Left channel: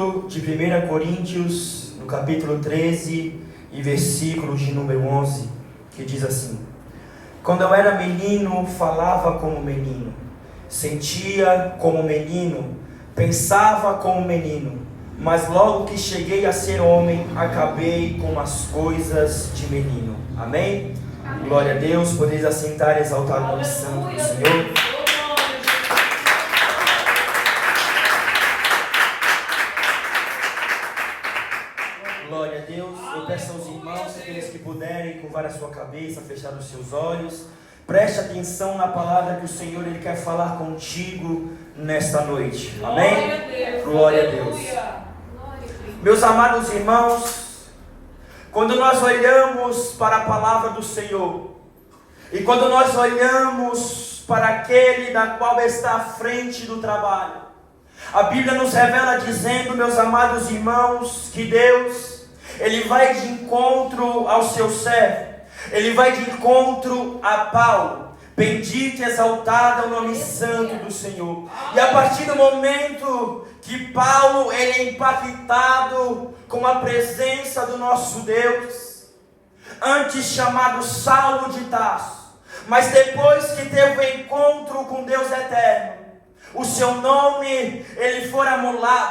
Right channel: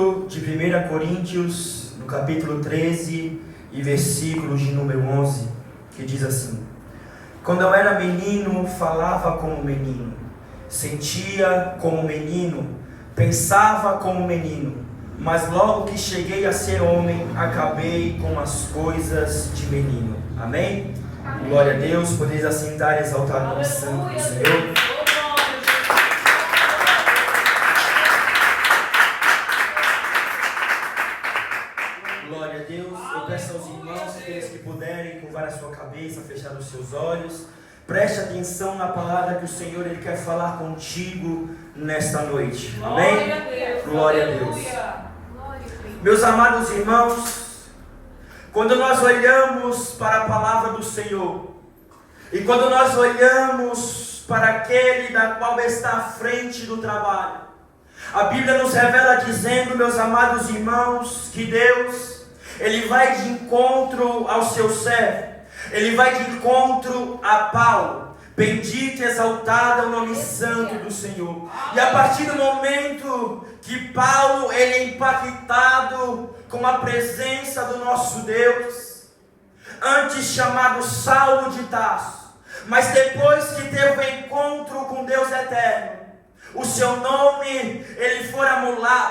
texto de 1 Coríntios, no capítulo 13 e versículo de número 11, que diz assim: quando eu era menino, falava como menino, sentia como menino, pensava como menino, mas logo que cheguei a ser homem, acabei com as coisas de menino. Amém? Amém. Glória a Deus. Podeis assentar e exaltar o nome santo do Senhor. Glória a Deus. Eu peço aos irmãos, aqueles que puderem, curvar a sua cabeça, fechar os seus olhos. Preste atenção na palavra que o Senhor Ele quer falar contigo nesta noite. Amém? Glória a Deus. Meus amados irmãos, quando nós olhamos para a palavra do Senhor, e quando nós olhamos para aquele da qual está à frente do trabalho, a Bíblia nos revela dizendo, meus amados irmãos, que Deus, Ele vai de encontro ao seu servo, Ele vai de encontro a Paulo. Bendito e exaltado é o nome santo do Senhor. E a partir do momento que Paulo ele é impactado com a presença do nosso Deus, antes chamado Saulo de Tarso, mas depois que teve o encontro com Deus eterno, o seu nome ele fora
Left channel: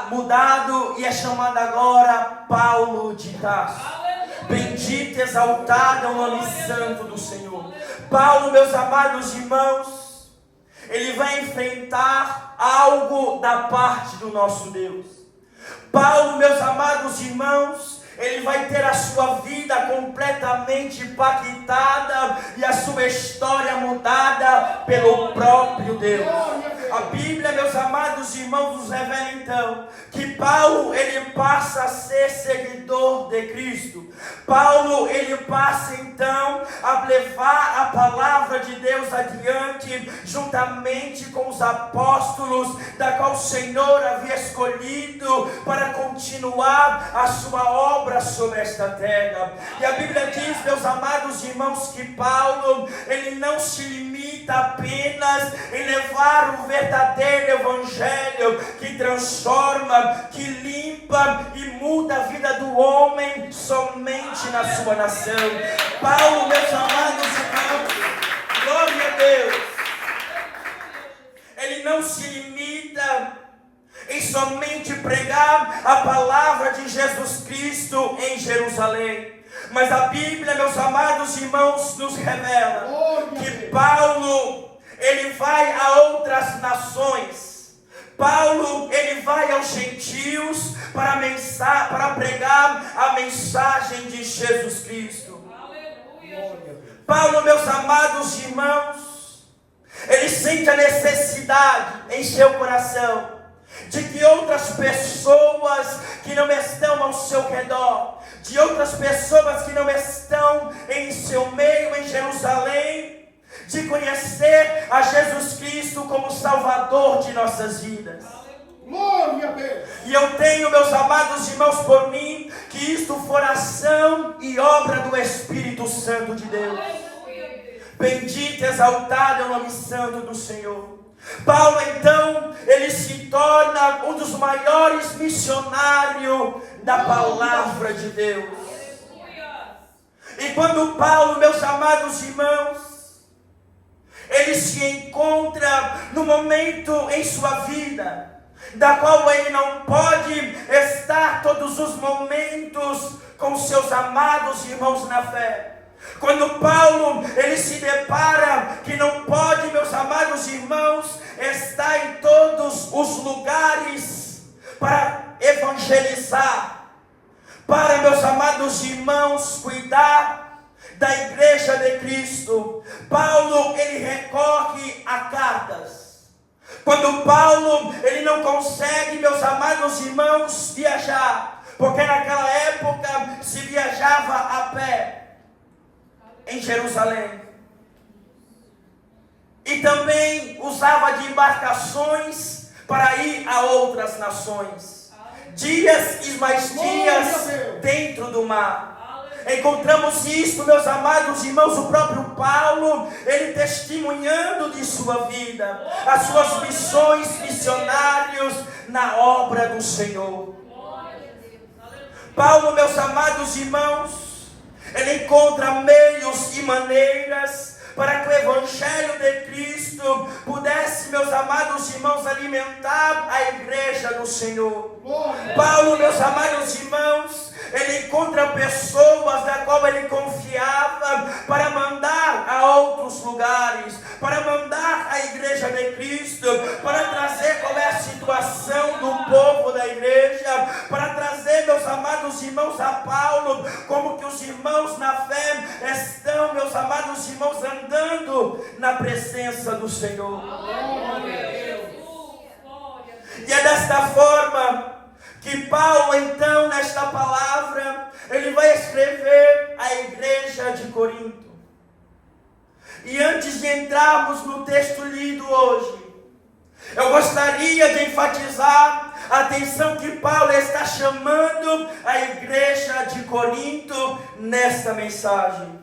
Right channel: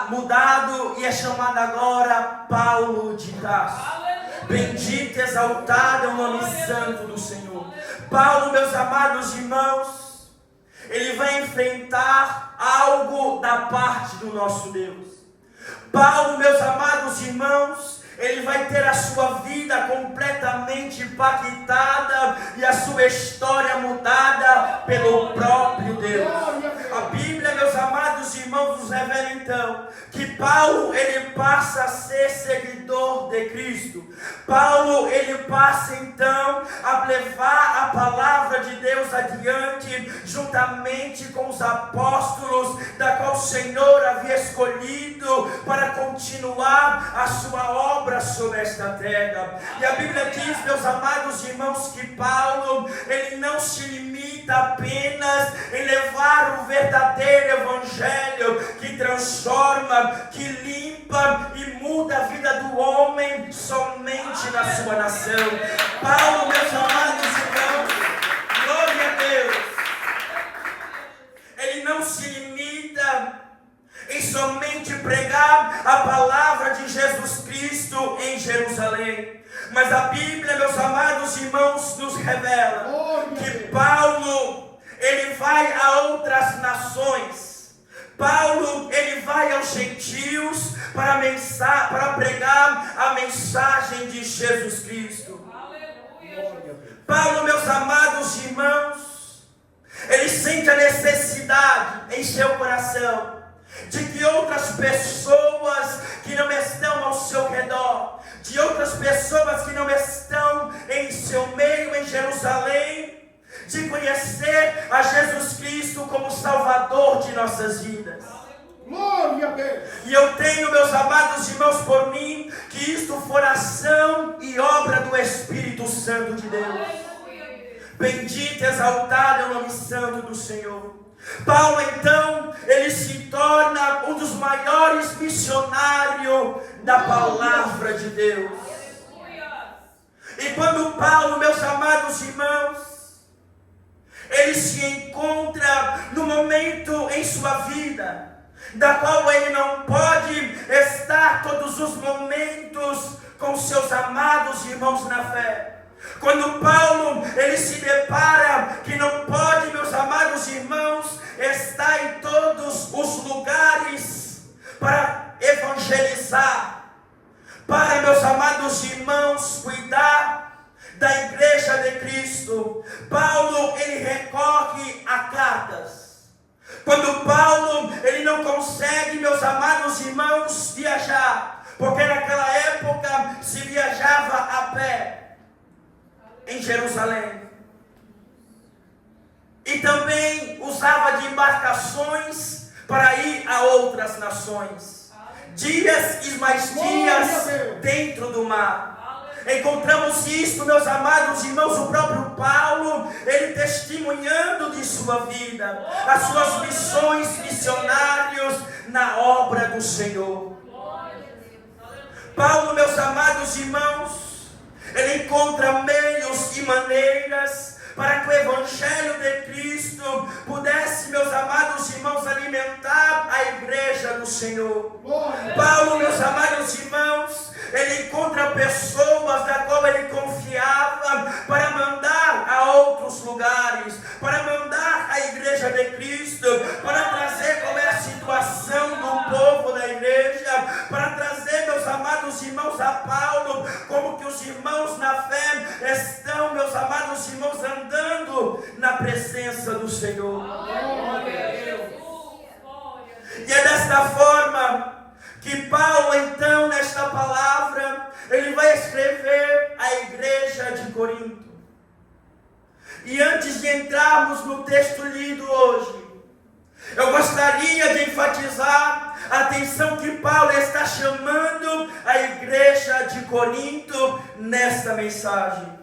mudado e é chamado agora Paulo de Tarso. Bendito e exaltado é o nome santo do Senhor. Paulo, meus amados irmãos, ele vai enfrentar algo da parte do nosso Deus. Paulo, meus amados irmãos, ele vai ter a sua vida completamente impactada e a sua história mudada pelo próprio Deus. A Bíblia, meus amados irmãos, nos revela então que Paulo ele passa a ser seguidor de Cristo. Paulo ele passa então a levar a palavra de Deus adiante, juntamente com os apóstolos, da qual o Senhor havia escolhido para continuar a sua obra sobre esta terra. E a Bíblia diz, meus amados irmãos, que Paulo ele não se limita apenas em levar o verdadeiro evangelho que transforma, que limpa e muda a vida do homem somente na sua nação. Paulo, meus amados irmãos, glória a Deus, ele não se limita em somente pregar a palavra de Jesus Cristo em Jerusalém, mas a Bíblia, meus amados irmãos, nos revela que Paulo ele vai a outras nações. Paulo ele vai aos gentios para pregar a mensagem de Jesus Cristo. Aleluia. Paulo, meus amados irmãos, ele sente a necessidade em seu coração de que outras pessoas que não estão ao seu redor, de outras pessoas que não estão em seu meio em Jerusalém, de conhecer a Jesus Cristo como Salvador de nossas vidas. Glória a Deus. E eu tenho, meus amados irmãos, por mim, que isto for ação e obra do Espírito Santo de Deus. Bendito e exaltado é o nome santo do Senhor. Paulo então, ele se torna um dos maiores missionários da palavra de Deus. E quando Paulo, meus amados irmãos, ele se encontra no momento em sua vida, da qual ele não pode estar todos os momentos com seus amados irmãos na fé. Quando Paulo ele se depara que não pode, meus amados irmãos, estar em todos os lugares para evangelizar, para, meus amados irmãos, cuidar da igreja de Cristo, Paulo ele recorre a cartas. Quando Paulo ele não consegue, meus amados irmãos, viajar, porque naquela época se viajava a pé em Jerusalém, e também usava de embarcações para ir a outras nações, dias e mais dias dentro do mar. Encontramos isto, meus amados irmãos, o próprio Paulo, ele testemunhando de sua vida, as suas missões missionárias na obra do Senhor. Paulo, meus amados irmãos, ele encontra meios e maneiras para que o Evangelho de Cristo pudesse, meus amados irmãos, alimentar a igreja do Senhor. Paulo, meus amados irmãos, ele encontra pessoas da qual ele confiava para mandar a outros lugares, para mandar a igreja de Cristo, para trazer qual é a situação do povo da igreja, para trazer, meus amados irmãos, a Paulo, como que os irmãos na fé estão, meus amados irmãos, andando na presença do Senhor. E é desta forma que Paulo, então, nesta palavra, ele vai escrever à igreja de Corinto. E antes de entrarmos no texto lido hoje, eu gostaria de enfatizar a atenção que Paulo está chamando a igreja de Corinto nesta mensagem.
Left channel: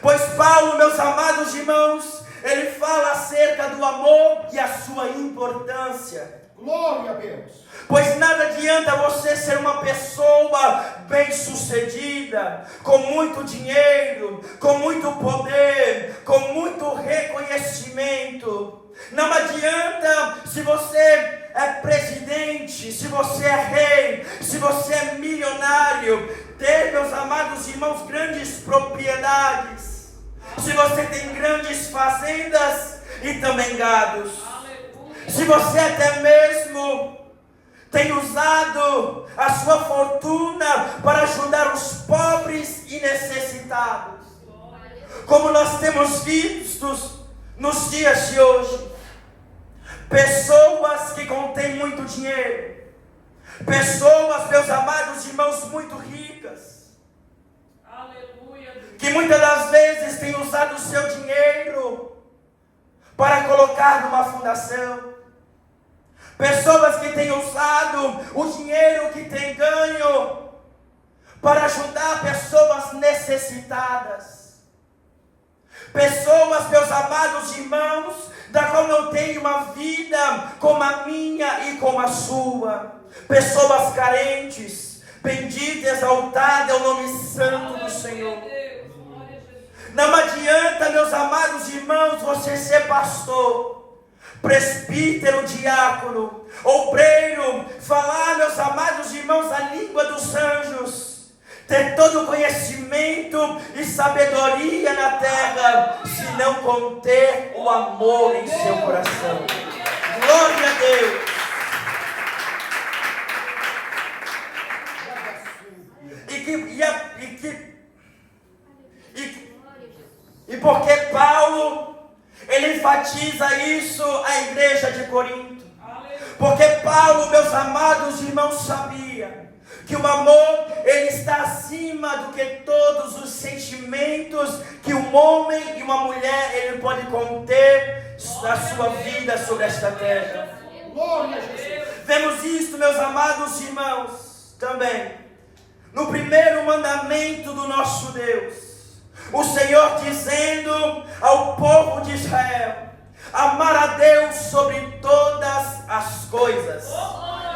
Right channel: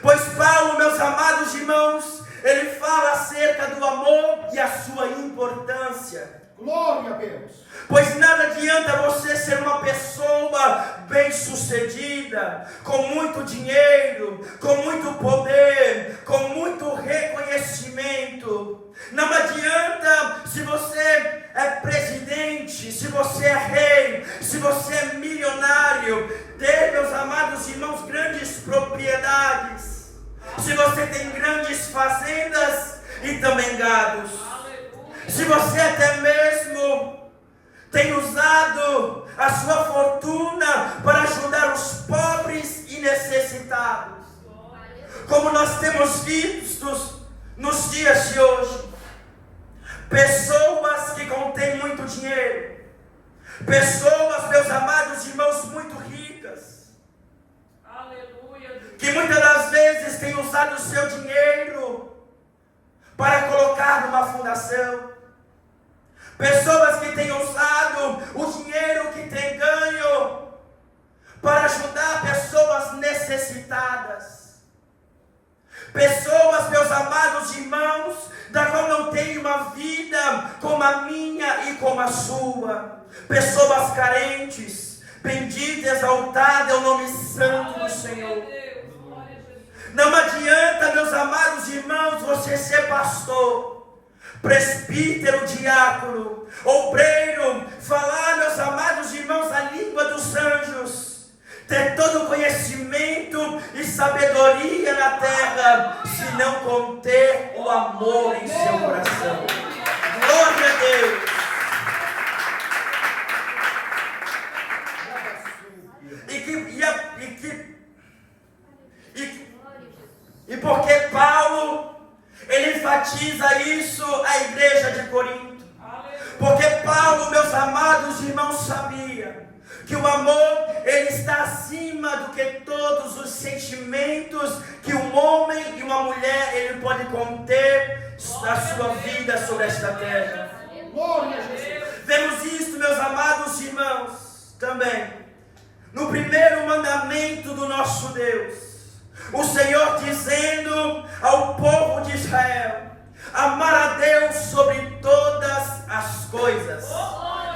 Pois Paulo, meus amados irmãos, ele fala acerca do amor e a sua importância. Glória a Deus. Pois nada adianta você ser uma pessoa bem-sucedida, com muito dinheiro, com muito poder, com muito reconhecimento. Não adianta se você é presidente, se você é rei, se você é milionário, ter, meus amados irmãos, grandes propriedades, se você tem grandes fazendas e também gados, se você até mesmo tem usado a sua fortuna para ajudar os pobres e necessitados, como nós temos visto nos dias de hoje, pessoas que contêm muito dinheiro, pessoas, meus amados irmãos, muito ricas, que muitas das vezes têm usado o seu dinheiro para colocar numa fundação, pessoas que têm usado o dinheiro que têm ganho para ajudar pessoas necessitadas, pessoas, meus amados irmãos, da qual não tem uma vida como a minha e como a sua, pessoas carentes. Bendito e exaltado é o nome santo do Senhor. Não adianta, meus amados irmãos, você ser pastor, presbítero, diácono, obreiro, falar, meus amados irmãos, a língua dos anjos, ter todo o conhecimento e sabedoria na terra, se não conter o amor em seu coração. Glória a Deus. E porque Paulo, ele enfatiza isso à igreja de Corinto. Porque Paulo, meus amados irmãos, sabia que o amor, ele está acima do que todos os sentimentos que um homem e uma mulher, ele pode conter na sua vida sobre esta terra. Vemos isso, meus amados irmãos, também no primeiro mandamento do nosso Deus, o Senhor dizendo ao povo de Israel: amar a Deus sobre todas as coisas.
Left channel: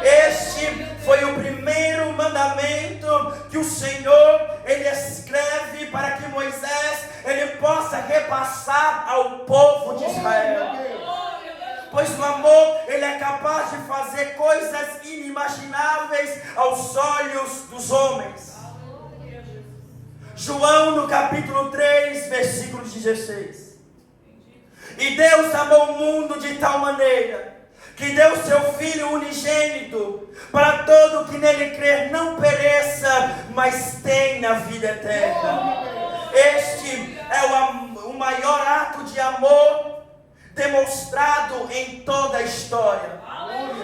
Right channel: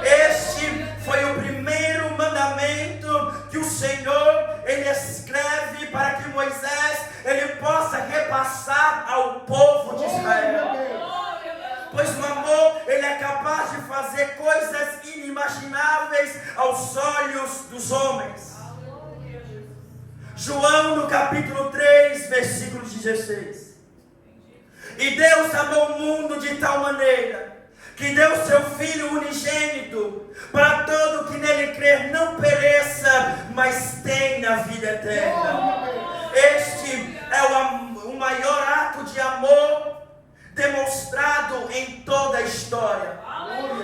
Este foi o primeiro mandamento que o Senhor, ele escreve para que Moisés, ele possa repassar ao povo de Israel. Pois o amor, ele é capaz de fazer coisas inimagináveis aos olhos dos homens. João no capítulo 3, versículo 16. E Deus amou o mundo de tal maneira que deu seu Filho unigênito, para todo que nele crer não pereça, mas tenha vida eterna. Este é o maior ato de amor demonstrado em toda a história.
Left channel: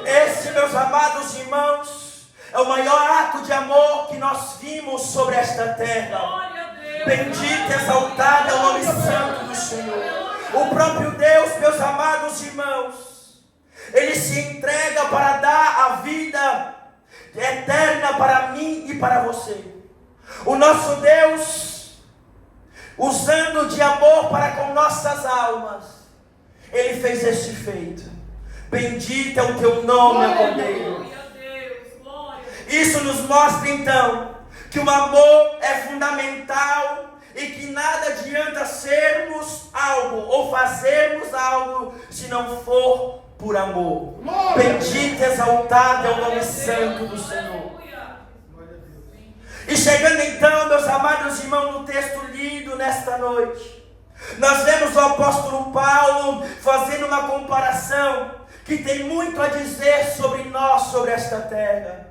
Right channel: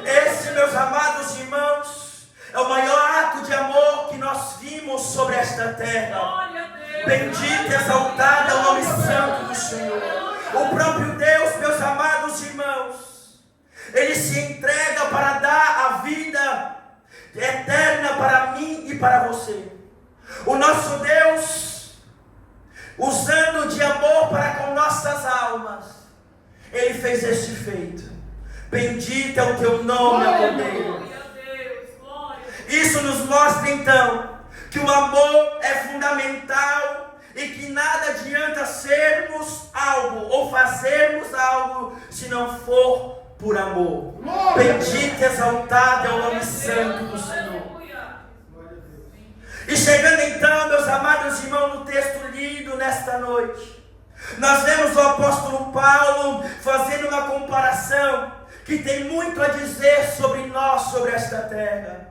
Esse, meus amados irmãos, é o maior ato de amor que nós vimos sobre esta terra. Bendito e exaltado é o nome santo do Senhor. O próprio Deus, meus amados irmãos, ele se entrega para dar a vida eterna para mim e para você. O nosso Deus, usando de amor para com nossas almas, ele fez este feito. Bendito é o teu nome, meu Deus. Isso nos mostra então que o amor é fundamental e que nada adianta sermos algo ou fazermos algo se não for por amor. Bendito e exaltado é o nome santo do Senhor. E chegando então, meus amados irmãos, no texto lido nesta noite, nós vemos o apóstolo Paulo fazendo uma comparação que tem muito a dizer sobre nós, sobre esta terra.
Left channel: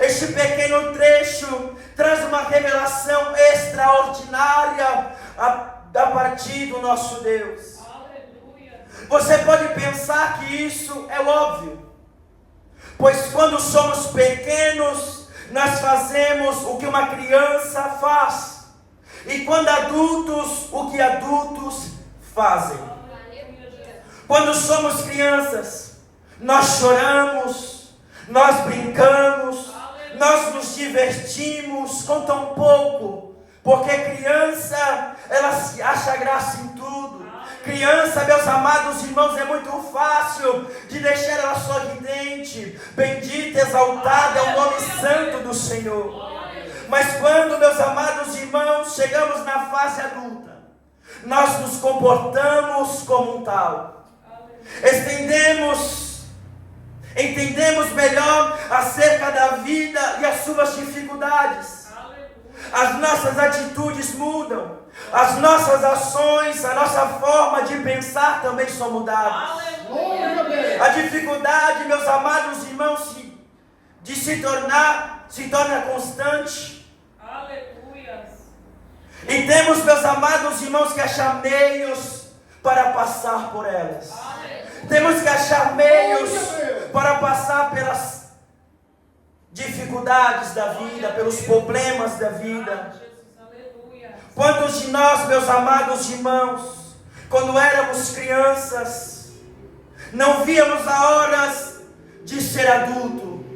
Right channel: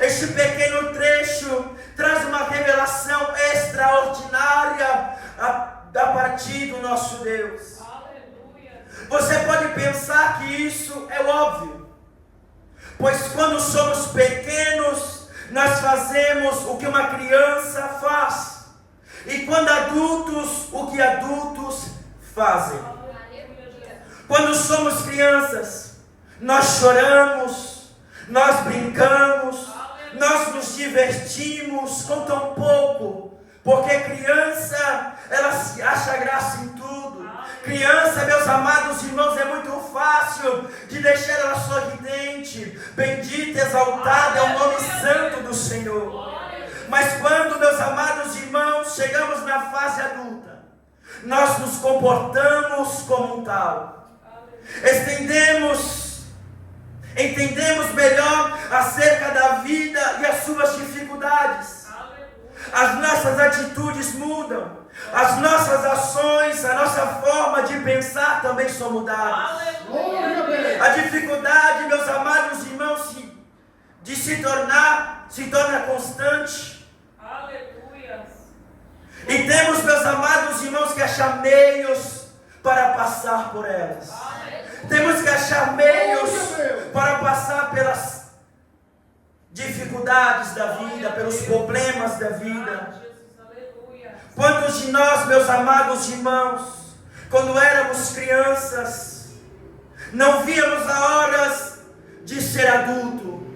Este pequeno trecho traz uma revelação extraordinária a partir do nosso Deus. Você pode pensar que isso é óbvio, pois quando somos pequenos, nós fazemos o que uma criança faz, e quando adultos, o que adultos fazem. Quando somos crianças, nós choramos, nós brincamos, nós nos divertimos com tão pouco, porque criança, ela se acha graça em tudo. Criança, meus amados irmãos, é muito fácil de deixar ela sorridente. Bendito e exaltado é o nome santo do Senhor. Mas quando, meus amados irmãos, chegamos na fase adulta, nós nos comportamos como um tal. Entendemos melhor acerca da vida e as suas dificuldades. As nossas atitudes mudam, as nossas ações, a nossa forma de pensar também são mudadas. A dificuldade, meus amados irmãos, de se torna constante. E temos, meus amados irmãos, que achar meios para passar por elas. Temos que achar meios para passar pelas dificuldades da vida, pelos problemas da vida. Quantos de nós, meus amados irmãos, quando éramos crianças, não víamos a hora de ser adulto?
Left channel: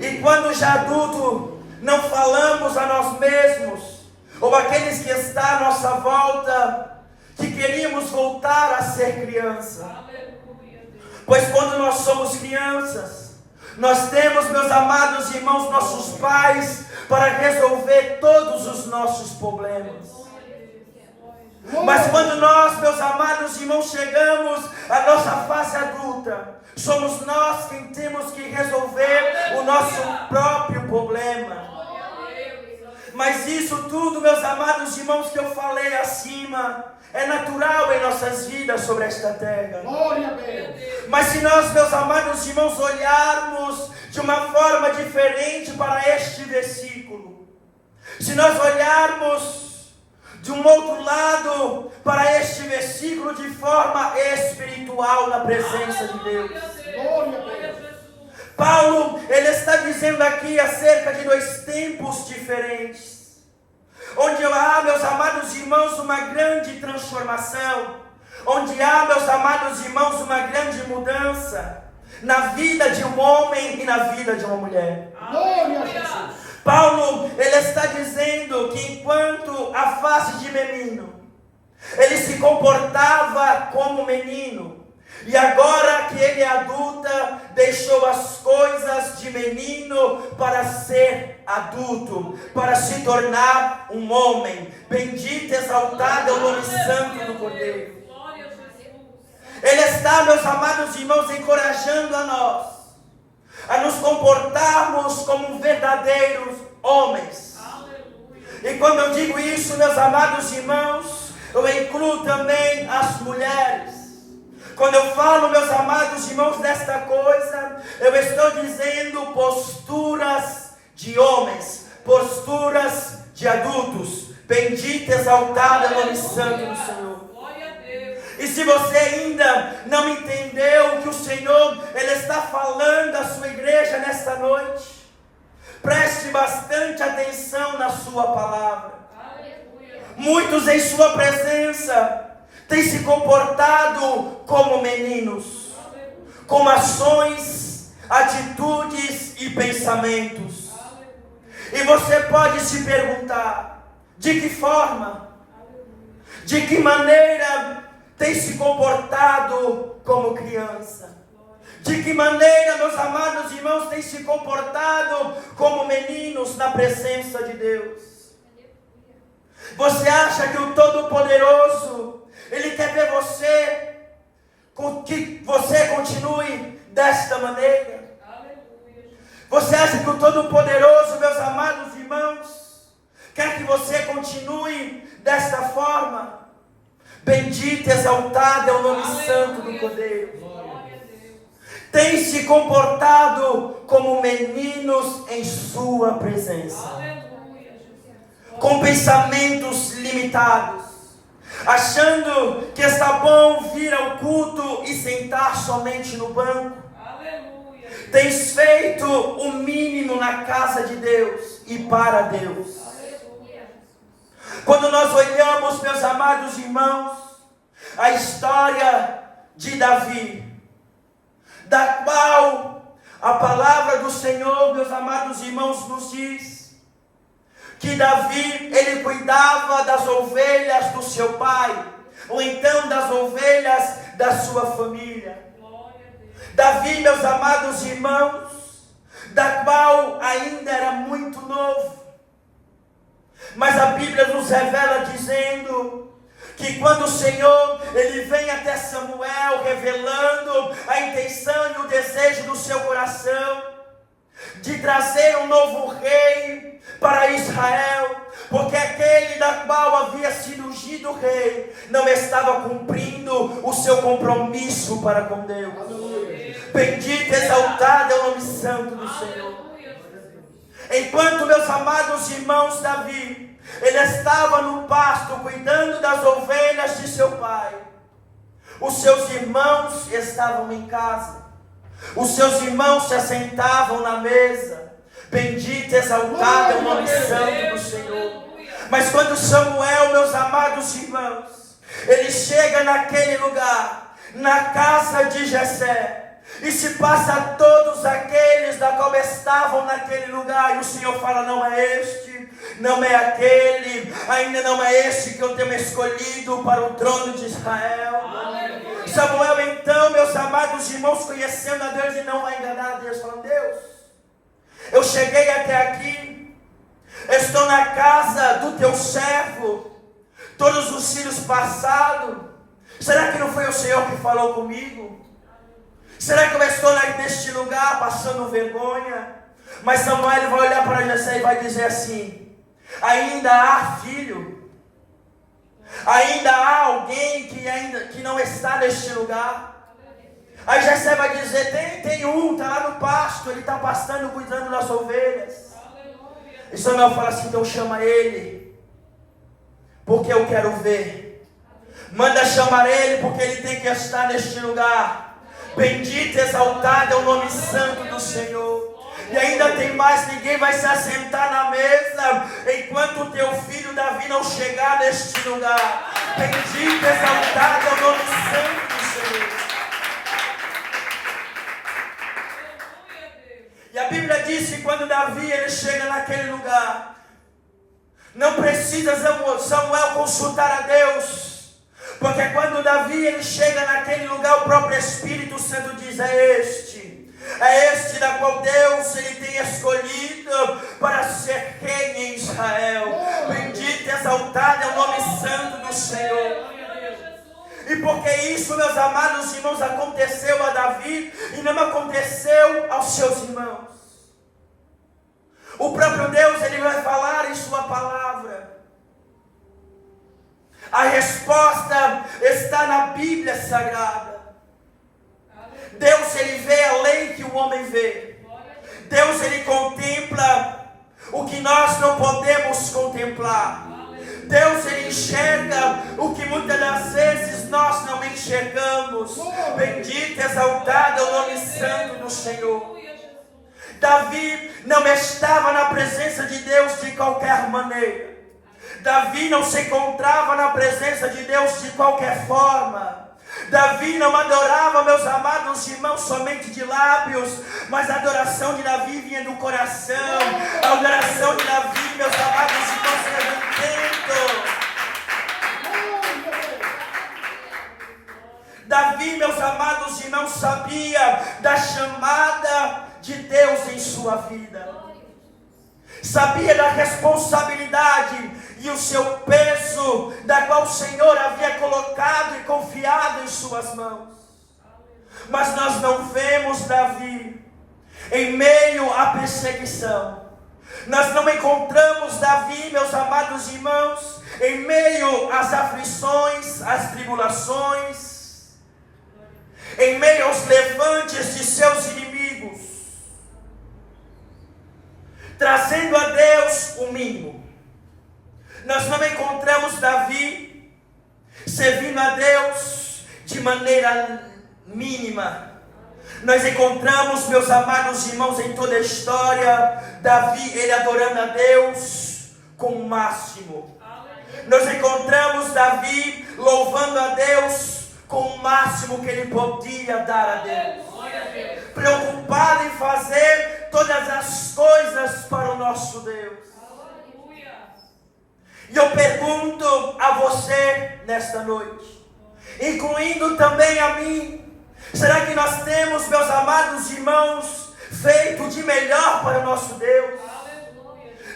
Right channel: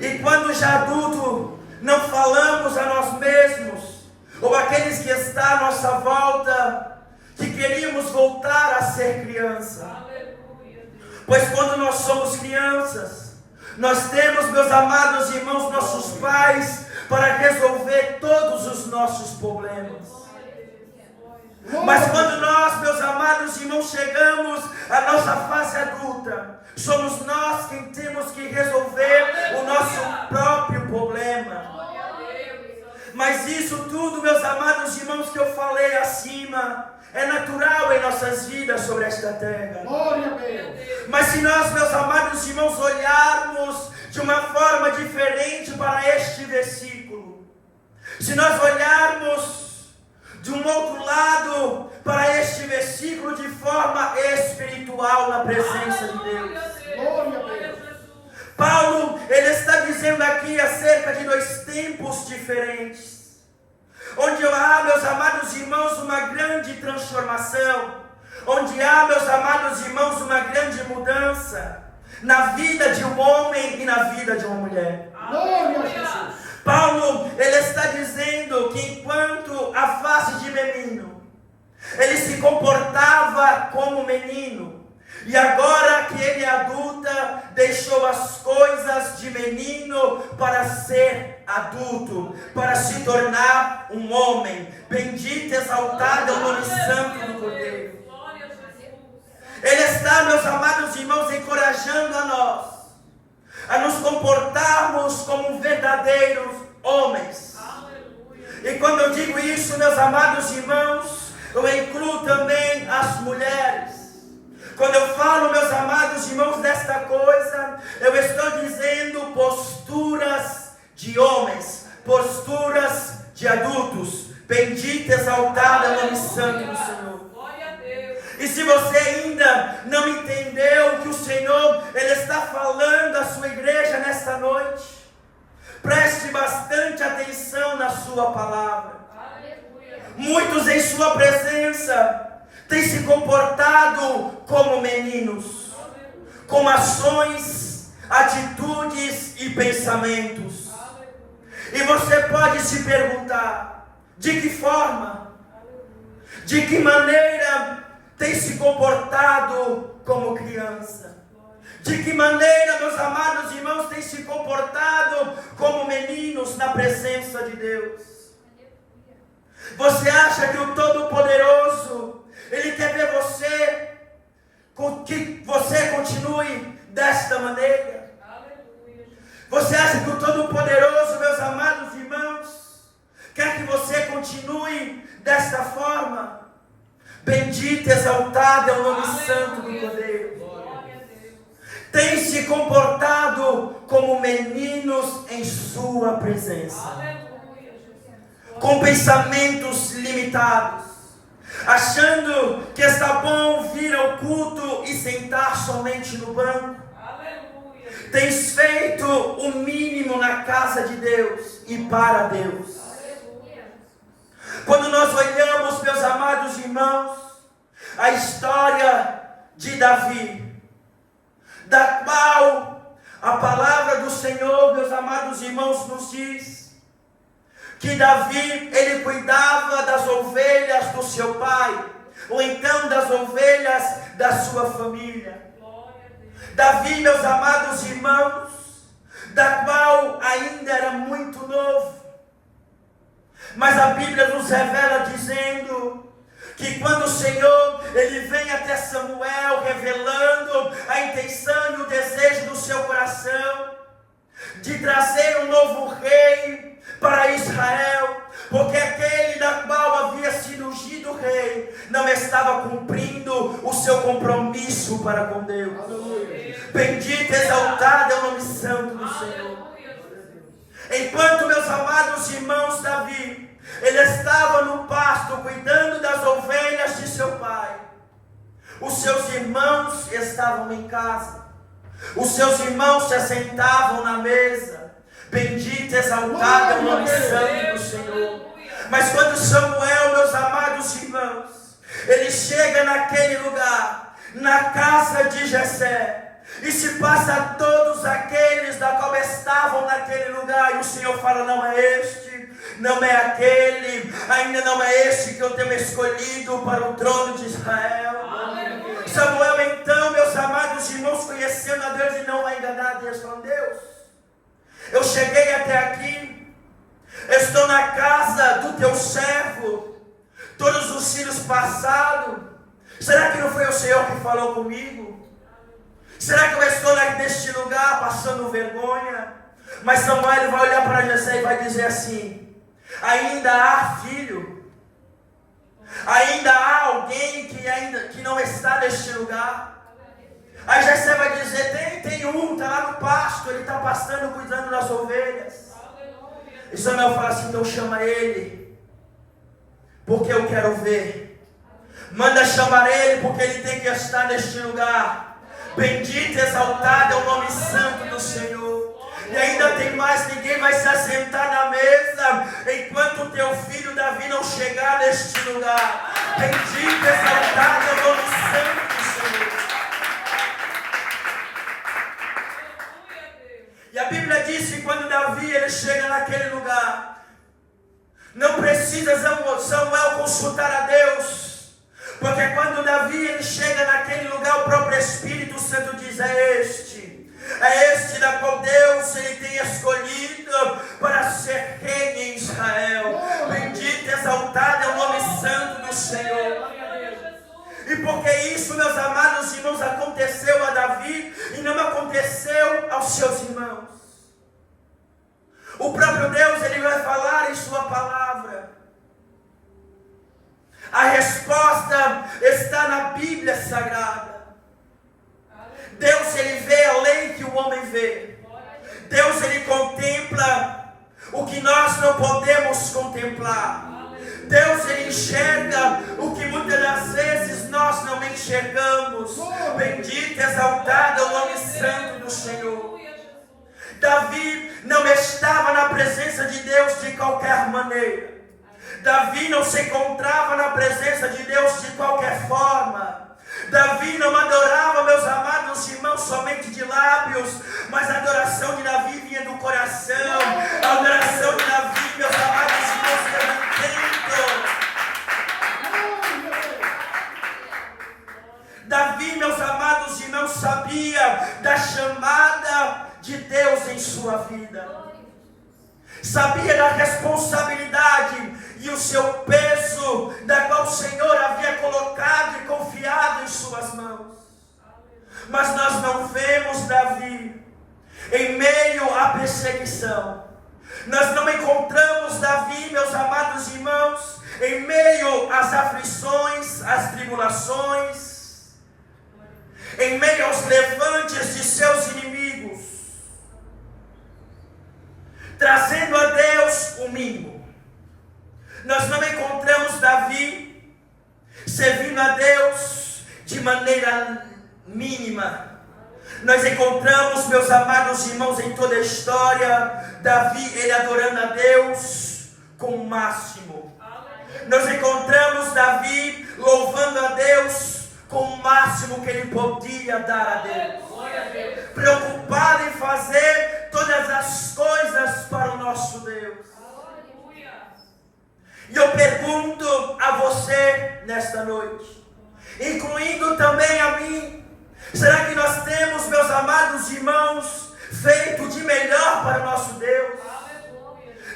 E quando já adulto, não falamos a nós mesmos, ou aqueles que estão à nossa volta, que queríamos voltar a ser criança. Pois quando nós somos crianças, nós temos, meus amados irmãos, nossos pais, para resolver todos os nossos problemas. Mas quando nós, meus amados irmãos, chegamos à nossa fase adulta, somos nós quem temos que resolver o nosso próprio problema. Mas isso tudo, meus amados irmãos, que eu falei acima, é natural em nossas vidas sobre esta terra. Glória a Deus. Mas se nós, meus amados irmãos, olharmos de uma forma diferente para este versículo, se nós olharmos de um outro lado para este versículo de forma espiritual na presença de Deus. Glória a Deus. Paulo, ele está dizendo aqui acerca de dois tempos diferentes, onde há, meus amados irmãos, uma grande transformação, onde há, meus amados irmãos, uma grande mudança na vida de um homem e na vida de uma mulher. Glória a Jesus. Paulo, ele está dizendo que enquanto a face de menino, ele se comportava como menino, e agora que ele é adulta, deixou as coisas de menino para ser adulto, para se tornar um homem. Bendito e exaltado é o nome santo do Cordeiro. Ele está, meus amados irmãos, encorajando a nós a nos comportarmos como verdadeiros homens. E quando eu digo isso, meus amados irmãos, eu incluo também as mulheres. Quando eu falo, meus amados irmãos, desta coisa, eu estou dizendo posturas de homens, posturas de adultos. Bendito e exaltado é o nome santo do Senhor. E se você ainda não entendeu que o Senhor, Ele está falando à sua igreja nesta noite, preste bastante atenção na sua palavra. Muitos em sua presença têm se comportado como meninos, com ações, atitudes e pensamentos. E você pode se perguntar, de que forma, de que maneira tem se comportado como criança? De que maneira, meus amados irmãos, têm se comportado como meninos na presença de Deus? Você acha que o Todo-Poderoso, Ele quer ver você, que você continue desta maneira? Você acha que o Todo-Poderoso, meus amados irmãos, quer que você continue desta forma? Bendito e exaltado é o nome santo do Cordeiro. Tem se comportado como meninos em sua presença, com pensamentos limitados, achando que está bom vir ao culto e sentar somente no banco. Tens feito o mínimo na casa de Deus e para Deus. Quando nós olhamos, meus amados irmãos, a história de Davi, da qual a palavra do Senhor, meus amados irmãos, nos diz que Davi, ele cuidava das ovelhas do seu pai, ou então das ovelhas da sua família. Davi, meus amados irmãos, da qual ainda era muito novo, mas a Bíblia nos revela dizendo que quando o Senhor, ele vem até Samuel revelando a intenção e o desejo do seu coração de trazer um novo rei para Israel, porque aquele da qual havia sido ungido rei não estava cumprindo o seu compromisso para com Deus. Bendito e exaltado é o nome santo do Senhor. Enquanto, meus amados irmãos, Davi, ele estava no pasto cuidando das ovelhas de seu pai, os seus irmãos estavam em casa, os seus irmãos se assentavam na mesa. Bendito e exaltado é o nome santo do Senhor. Mas quando Samuel, meus amados irmãos, ele chega naquele lugar, na casa de Jessé, e se passa a todos aqueles da qual estavam naquele lugar, e o Senhor fala: não é este, não é aquele, ainda não é este que eu tenho escolhido para o trono de Israel. Aleluia. Samuel então, meus amados irmãos, conhecendo a Deus, e não vai enganar a Deus, falando: Deus, eu cheguei até aqui, estou na casa do teu servo, todos os filhos passaram, será que não foi o Senhor que falou comigo? Será que eu estou neste lugar passando vergonha? Mas Samuel vai olhar para Jessé e vai dizer assim: ainda há filho? Ainda há alguém que não está neste lugar? Aí Jessé vai dizer: tem um, está lá no pasto, ele está pastando, cuidando das ovelhas. E Samuel fala assim: então chama ele, porque eu quero ver. Manda chamar ele, porque ele tem que estar neste lugar. Bendito e exaltado é o nome santo do Senhor. E ainda tem mais: ninguém vai se assentar na mesa enquanto o teu filho Davi não chegar neste lugar. Bendito e exaltado é o nome santo do Senhor. E a Bíblia diz que quando Davi ele chega naquele lugar, não precisa Samuel consultar a Deus, porque quando Davi ele chega naquele lugar, o próprio Espírito Santo diz: é este da qual Deus ele tem escolhido para ser rei em Israel. Bendito e exaltado é o nome santo do Senhor. E porque isso, meus amados irmãos, aconteceu a Davi e não aconteceu aos seus irmãos, o próprio Deus ele vai falar em sua palavra. A resposta está na Bíblia Sagrada. Deus ele vê além que o homem vê. Deus ele contempla o que nós não podemos contemplar. Deus ele enxerga o que muitas das vezes nós não enxergamos. Bendito e exaltado é o nome santo do Senhor. Davi não estava na presença de Deus de qualquer maneira. Davi não se encontrava na presença de Deus de qualquer forma. Davi não adorava, meus amados irmãos, somente de lábios, mas a adoração de Davi vinha do coração. A adoração de Davi, meus amados irmãos, era dentro. Davi Davi, meus amados irmãos, sabia da chamada de Deus em sua vida. Sabia da responsabilidade e o seu peso, da qual o Senhor havia colocado e confiado em suas mãos. Mas nós não vemos Davi em meio à perseguição. Nós não encontramos Davi, meus amados irmãos, em meio às aflições, às tribulações, em meio aos levantes de seus inimigos, trazendo a Deus o mínimo. Nós não encontramos Davi servindo a Deus de maneira mínima. Nós encontramos, meus amados irmãos, em toda a história, Davi, ele adorando a Deus com o máximo. Nós encontramos Davi louvando a Deus com o máximo que ele podia dar a Deus. Preocupado em fazer todas as coisas para o nosso Deus. E eu pergunto a você nesta noite, incluindo também a mim, será que nós temos, meus amados irmãos, feito de melhor para o nosso Deus?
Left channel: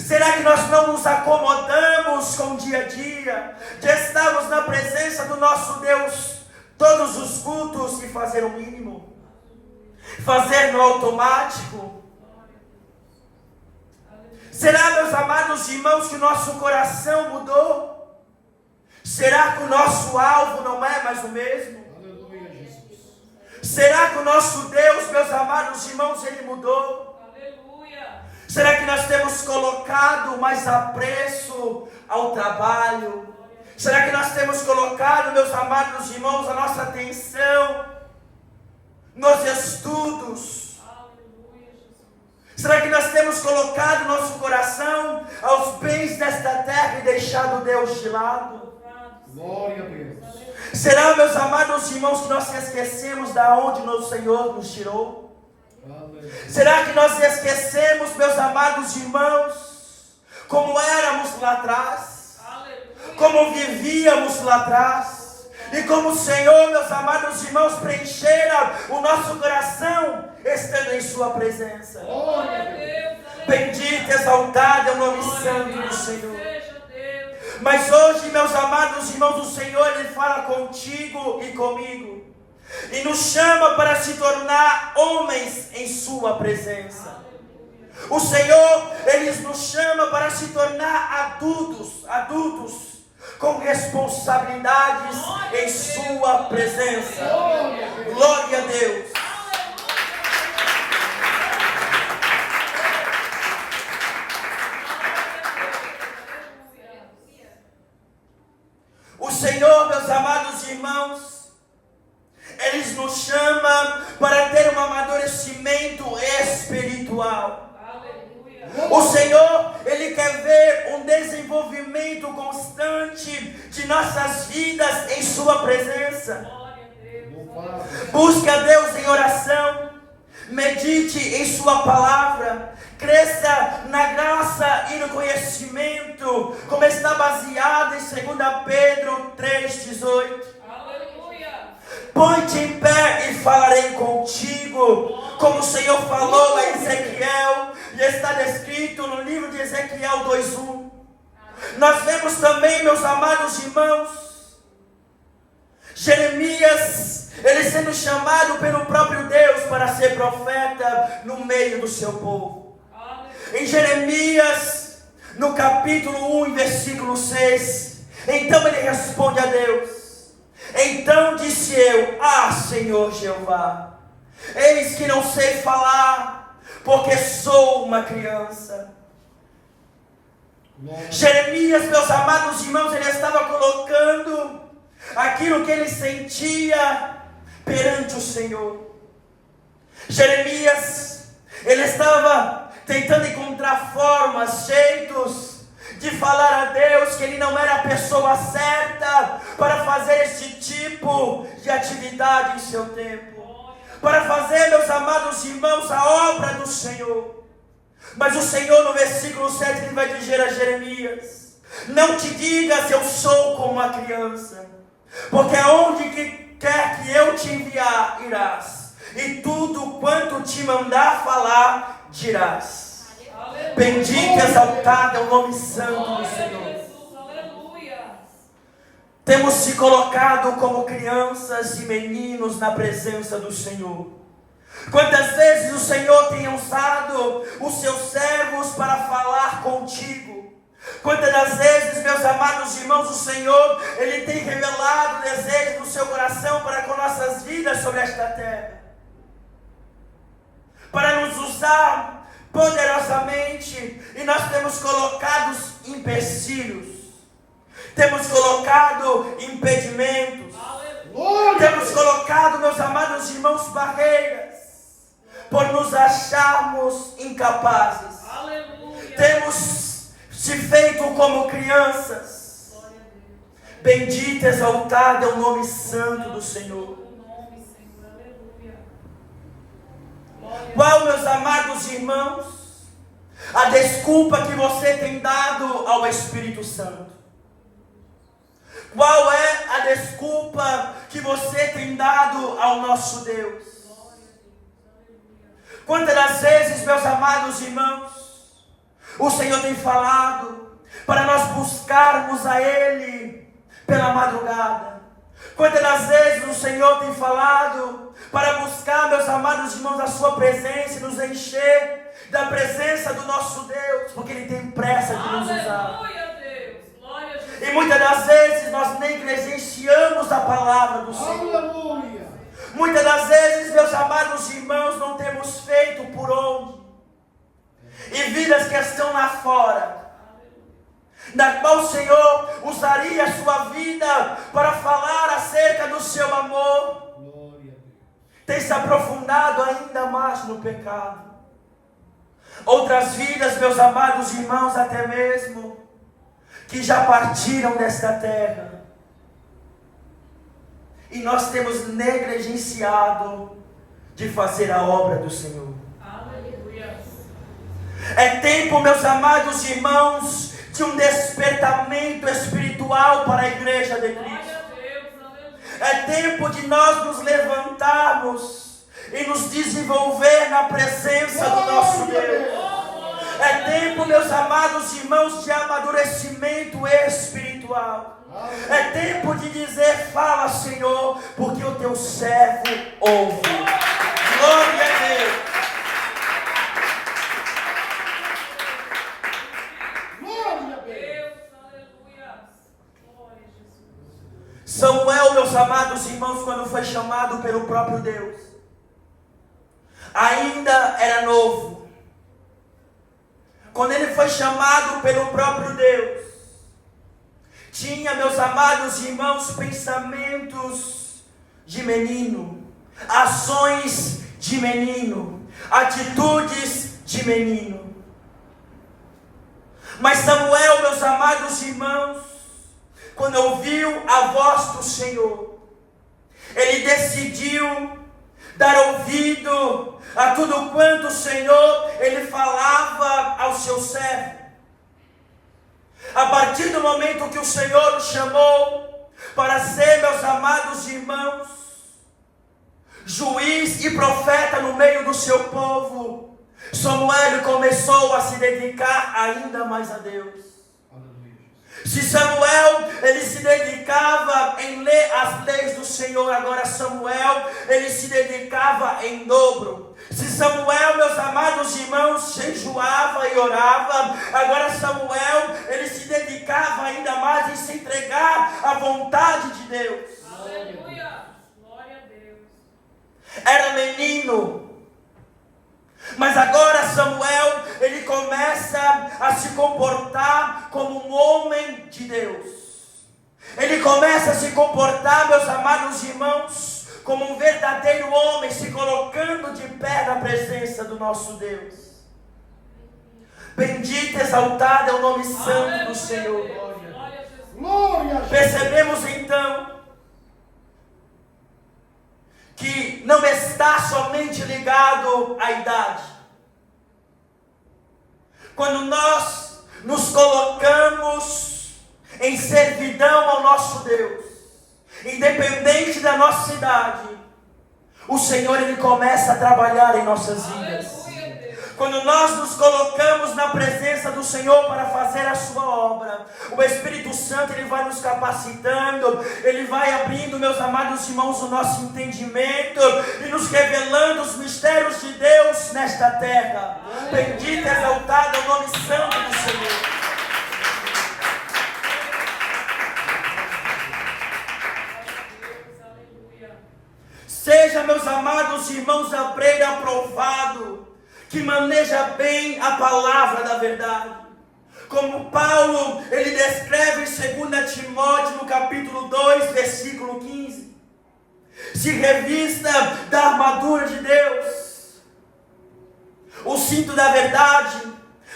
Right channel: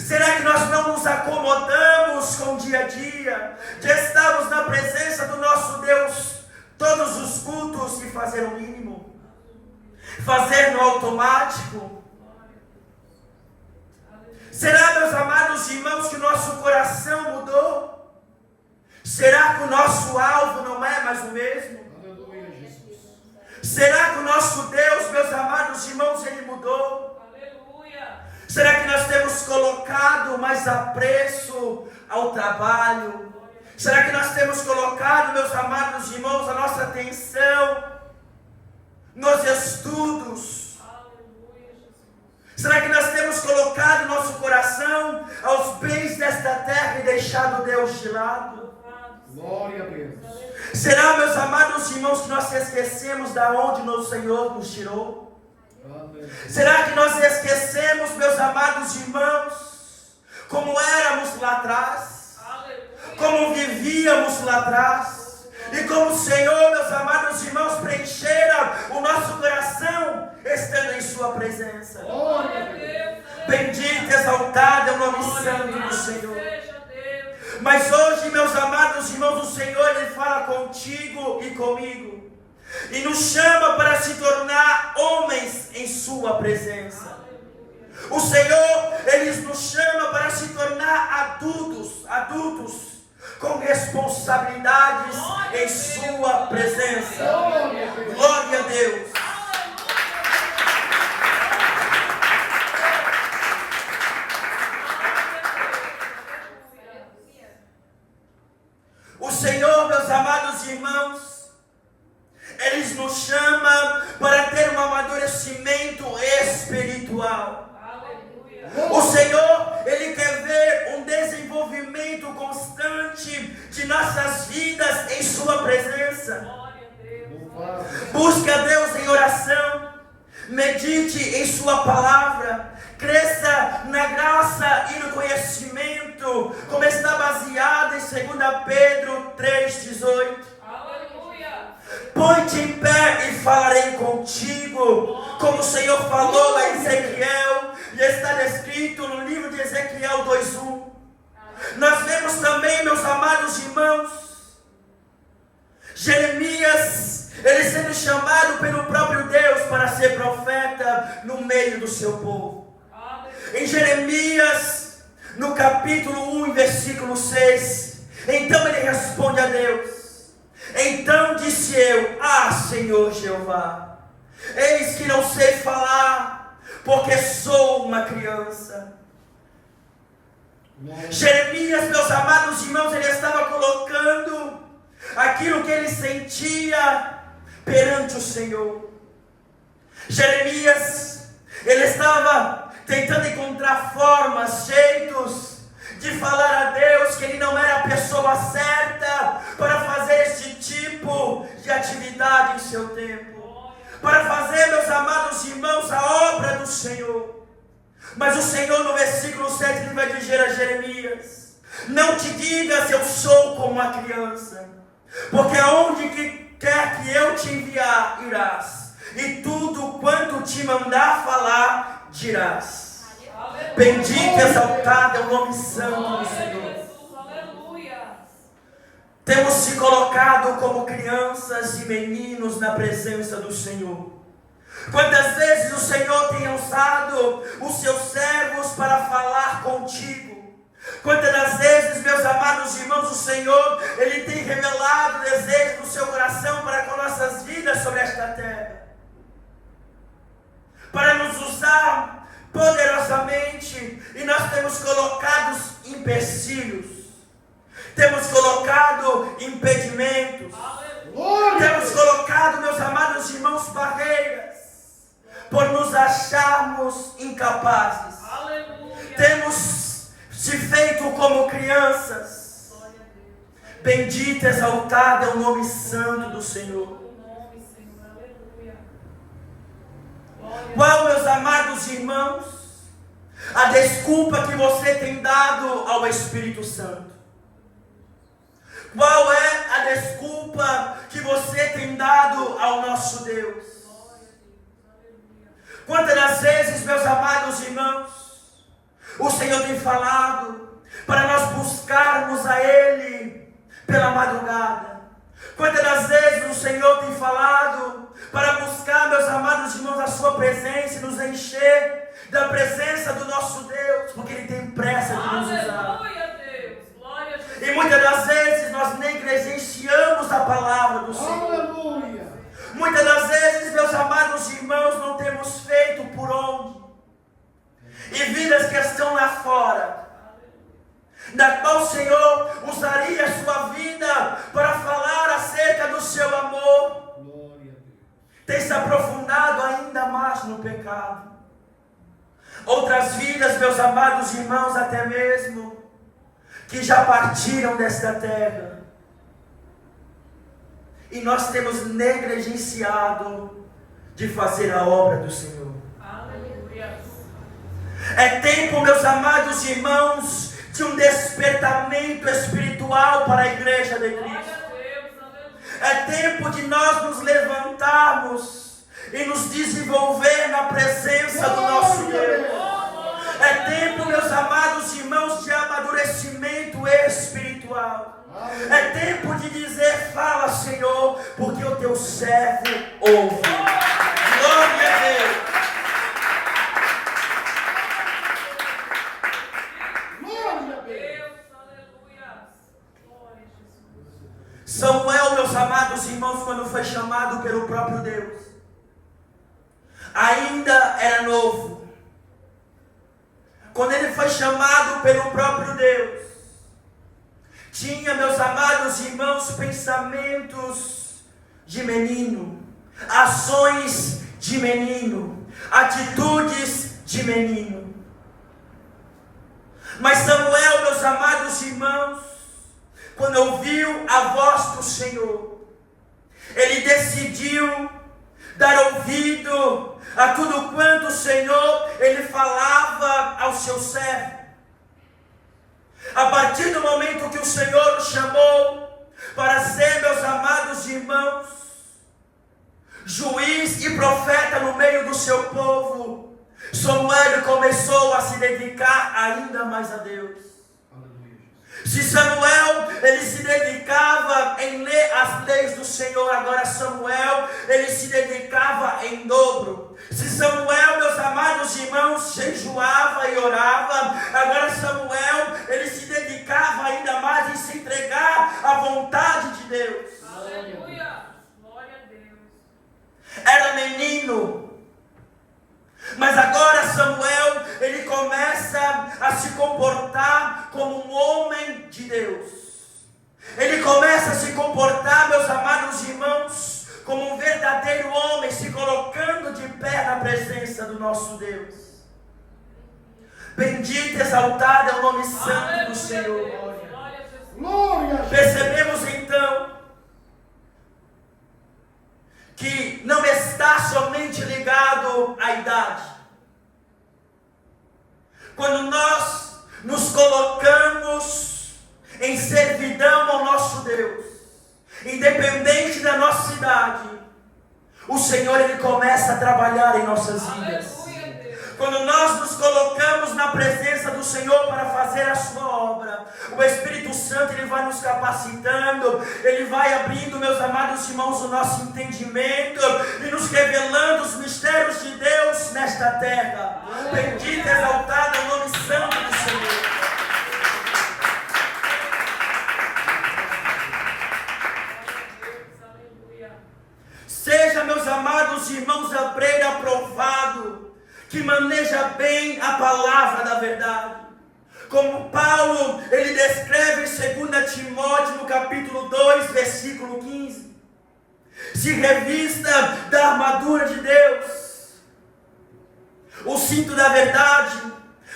Será que nós não nos acomodamos com o dia a dia, de estarmos na presença do nosso Deus todos os cultos e fazer o mínimo? Fazer no automático? Será, meus amados irmãos, que o nosso coração mudou? Será que o nosso alvo não é mais o mesmo? Será que o nosso Deus, meus amados irmãos, ele mudou? Aleluia. Será que nós temos colocado mais apreço ao trabalho? Será que nós temos colocado, meus amados irmãos, a nossa atenção nos estudos? Será que nós temos colocado nosso coração aos bens desta terra e deixado Deus de lado? Glória a Deus. Será, meus amados irmãos, que nós esquecemos da onde o Senhor nos tirou? Amém. Será que nós esquecemos, meus amados irmãos, como éramos lá atrás? Como vivíamos lá atrás? E como o Senhor, meus amados irmãos, preenchera o nosso coração estando em sua presença. Bendito, exaltado é o nome santo do Senhor. Mas hoje, meus amados irmãos, o Senhor, ele fala contigo e comigo, e nos chama para se tornar homens em sua presença. O Senhor, ele nos chama para se tornar adultos com responsabilidades em sua presença. Glória a Deus. O Senhor, meus amados irmãos, ele nos chama para ter um amadurecimento espiritual. O Senhor, ele quer ver um desenvolvimento constante de nossas vidas em sua presença. Busque a Deus em oração, medite em sua palavra, cresça na graça e no conhecimento, como está baseado em 2 Pedro 3,18. Põe-te em pé e falarei contigo, como o Senhor falou a Ezequiel, e está descrito no livro de Ezequiel 2:1. Nós vemos também, meus amados irmãos, Jeremias, ele sendo chamado pelo próprio Deus para ser profeta no meio do seu povo. Em Jeremias, no capítulo 1, versículo 6, então ele responde a Deus: então disse eu, Senhor Jeová, eis que não sei falar, porque sou uma criança. Jeremias, meus amados irmãos, ele estava colocando aquilo que ele sentia perante o Senhor. Jeremias, ele estava tentando encontrar formas, jeitos de falar a Deus que ele não era a pessoa certa para fazer esse tipo de atividade em seu tempo, para fazer, meus amados irmãos, a obra do Senhor. Mas o Senhor, no versículo 7, ele vai dizer a Jeremias: não te digas eu sou como uma criança, porque aonde quer que eu te falar dirás. Bendito e exaltado é o nome santo do Senhor. Temos se colocado como crianças e meninos na presença do Senhor. Quantas vezes o Senhor tem usado os seus servos para falar contigo? Quantas das vezes, meus amados irmãos, o Senhor, Ele tem revelado o desejo do seu coração para com nossas vidas sobre esta terra, para nos usar poderosamente, e nós temos colocado empecilhos, temos colocado impedimentos, temos colocado, meus amados irmãos, barreiras, por nos acharmos incapazes. Temos se feito como crianças. Bendito, exaltado é o nome santo do Senhor. Qual, meus amados irmãos, a desculpa que você tem dado ao Espírito Santo? Qual é a desculpa que você tem dado ao nosso Deus? Quantas das vezes, meus amados irmãos, o Senhor tem falado para nós buscarmos a Ele pela madrugada? Quantas das vezes o Senhor tem falado para buscar, meus amados irmãos, a sua presença e nos encher da presença do nosso Deus, porque Ele tem pressa de nos usar. E muitas das vezes nós negligenciamos a palavra do Senhor. Aleluia. Muitas das vezes, meus amados irmãos, não temos feito por onde. E vidas que estão lá fora, na qual o Senhor usaria a sua vida para falar acerca do seu amor, Glória a Deus. tem se aprofundado ainda mais no pecado. Outras vidas, meus amados irmãos, até mesmo, que já partiram desta terra, e nós temos negligenciado de fazer a obra do Senhor. Aleluia. É tempo, meus amados irmãos, de um despertamento espiritual para a igreja de Cristo. É tempo de nós nos levantarmos e nos desenvolver na presença do nosso Deus. É tempo, meus amados irmãos, de amadurecimento espiritual. É tempo de dizer: fala, Senhor, porque o teu servo ouve. Glória a Deus. Glória a Deus. Samuel, meus amados irmãos, quando foi chamado pelo próprio Deus, ainda era novo. Quando ele foi chamado pelo próprio Deus, tinha, meus amados irmãos, pensamentos de menino, ações de menino, atitudes de menino. Mas Samuel, meus amados irmãos, quando ouviu a voz do Senhor, ele decidiu dar ouvido a tudo quanto o Senhor, ele falava ao seu servo. A partir do momento que o Senhor o chamou para ser, meus amados irmãos, juiz e profeta no meio do seu povo, Samuel começou a se dedicar ainda mais a Deus. Se Samuel, ele se dedicava em ler as leis do Senhor, agora Samuel, ele se dedicava em dobro. Se Samuel, meus amados irmãos, jejuava e orava, agora Samuel, ele se dedicava ainda mais em se entregar à vontade de Deus. Aleluia. Glória a Deus. Era menino, mas agora Samuel, ele começa a se comportar como um homem de Deus. Ele começa a se comportar, meus amados irmãos, como um verdadeiro homem, se colocando de pé na presença do nosso Deus. Bendito e exaltado é o nome santo do Senhor. Glória a Deus. Percebemos então que não está somente ligado à idade. Quando nós nos colocamos em servidão ao nosso Deus, independente da nossa idade, o Senhor ele começa a trabalhar em nossas vidas. Aleluia, Deus. Quando nós nos colocamos na presença do Senhor para fazer a sua obra, o Espírito Santo ele vai nos capacitando, ele vai abrindo, meus amados irmãos, o nosso entendimento e nos revelando os mistérios de Deus nesta terra. Bendito e exaltado é o nome santo do Senhor. Seja, meus amados irmãos, obreiro aprovado, que maneja bem a palavra da verdade. Como Paulo, ele descreve em 2 Timóteo, no capítulo 2, versículo 15. Se revista da armadura de Deus, o cinto da verdade,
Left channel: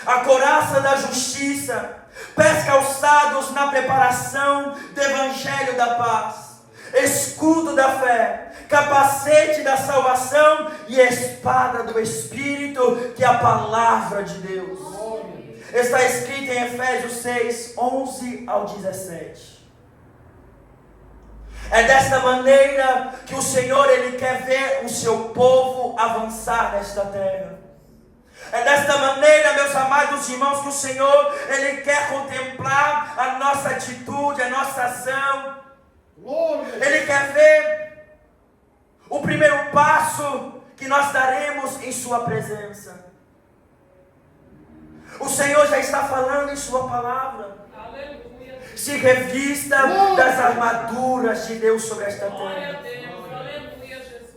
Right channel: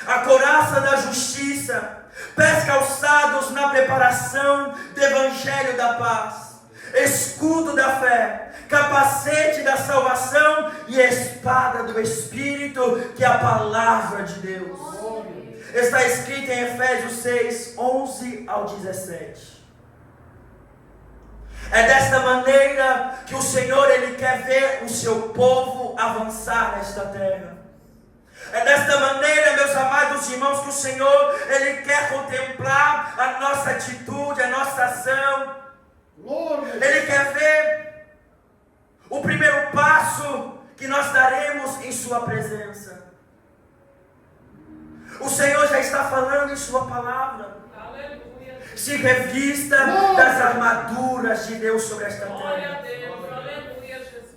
a couraça da justiça, pés calçados na preparação do evangelho da paz, escudo da fé, capacete da salvação e espada do Espírito, que é a palavra de Deus. Está escrito em Efésios 6, 11 ao 17. É desta maneira que o Senhor ele quer ver o seu povo avançar nesta terra. É desta maneira, meus amados irmãos, que o Senhor ele quer contemplar a nossa atitude, a nossa ação. Ele quer ver o primeiro passo que nós daremos em sua presença. O Senhor já está falando em sua palavra. Aleluia. Se revista das armaduras de Deus sobre esta Glória a terra. Deus. Aleluia, Jesus.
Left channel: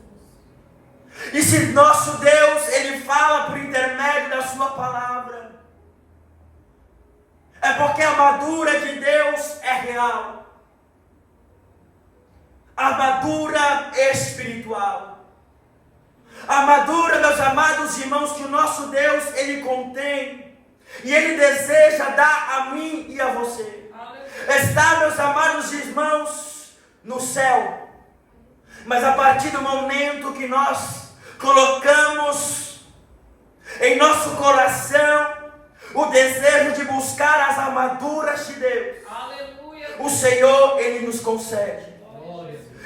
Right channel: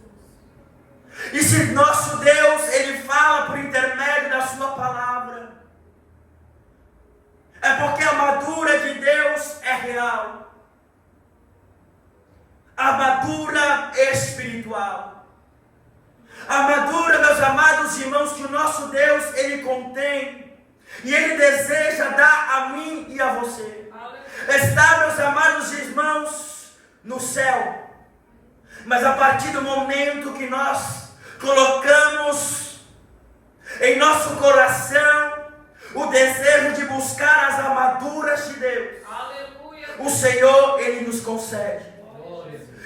E se nosso Deus, ele fala por intermédio da sua palavra, é porque a armadura de Deus é real. Armadura espiritual. Armadura, meus amados irmãos, que o nosso Deus, ele contém. E ele deseja dar a mim e a você. Está, meus amados irmãos, no céu. Mas a partir do momento que nós colocamos em nosso coração o desejo de buscar as armaduras de Deus, o Senhor, ele nos concede.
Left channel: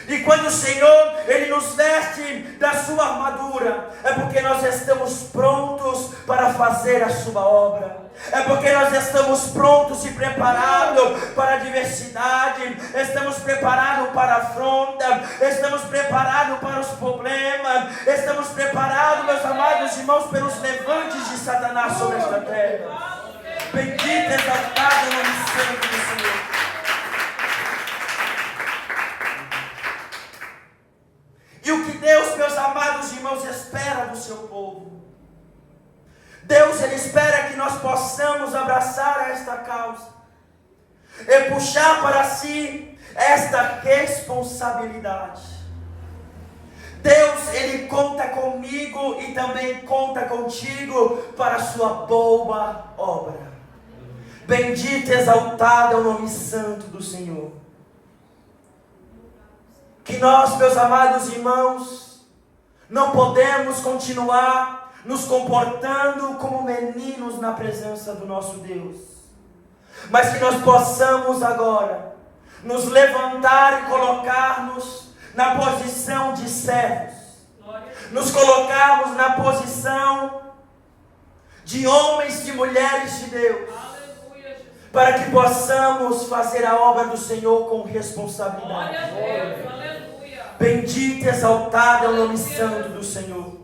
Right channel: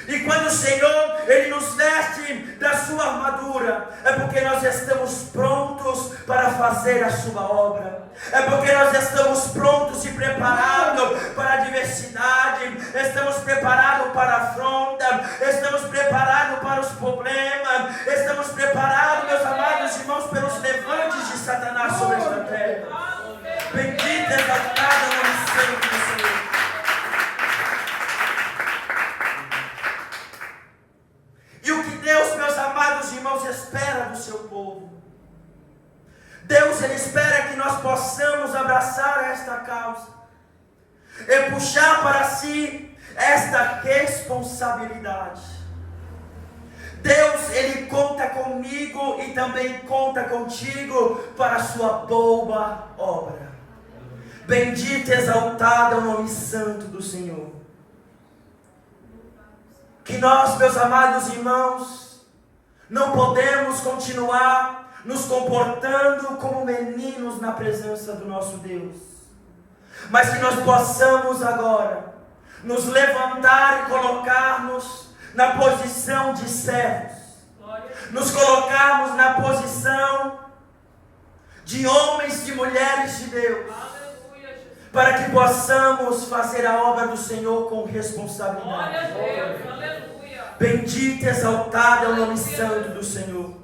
E quando o Senhor, ele nos veste da sua armadura, é porque nós estamos prontos para fazer a sua obra. É porque nós estamos prontos e preparados para a adversidade. Estamos preparados para a afronta. Estamos preparados para os problemas. Estamos preparados, meus amados irmãos, pelos levantes de Satanás sobre esta terra. Bendito e exaltado o nome santo do Senhor. E o que Deus, meus amados irmãos, espera do seu povo? Deus, ele espera que nós possamos abraçar esta causa e puxar para si esta responsabilidade. Deus, ele conta comigo e também conta contigo para a sua boa obra. Bendito e exaltado é o nome santo do Senhor. Que nós, meus amados irmãos, não podemos continuar nos comportando como meninos na presença do nosso Deus, mas que nós possamos agora nos levantar e colocarmos na posição de servos, nos colocarmos na posição de homens e mulheres de Deus, para que possamos fazer a obra do Senhor com responsabilidade. Bendito e exaltado é o nome santo do Senhor.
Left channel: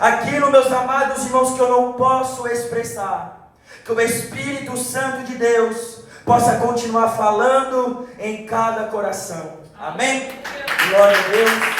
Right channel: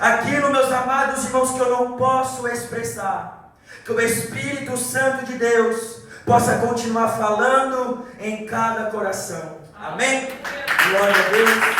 Aquilo, meus amados irmãos, que eu não posso expressar, que o Espírito Santo de Deus possa continuar falando em cada coração. Amém? Glória a Deus.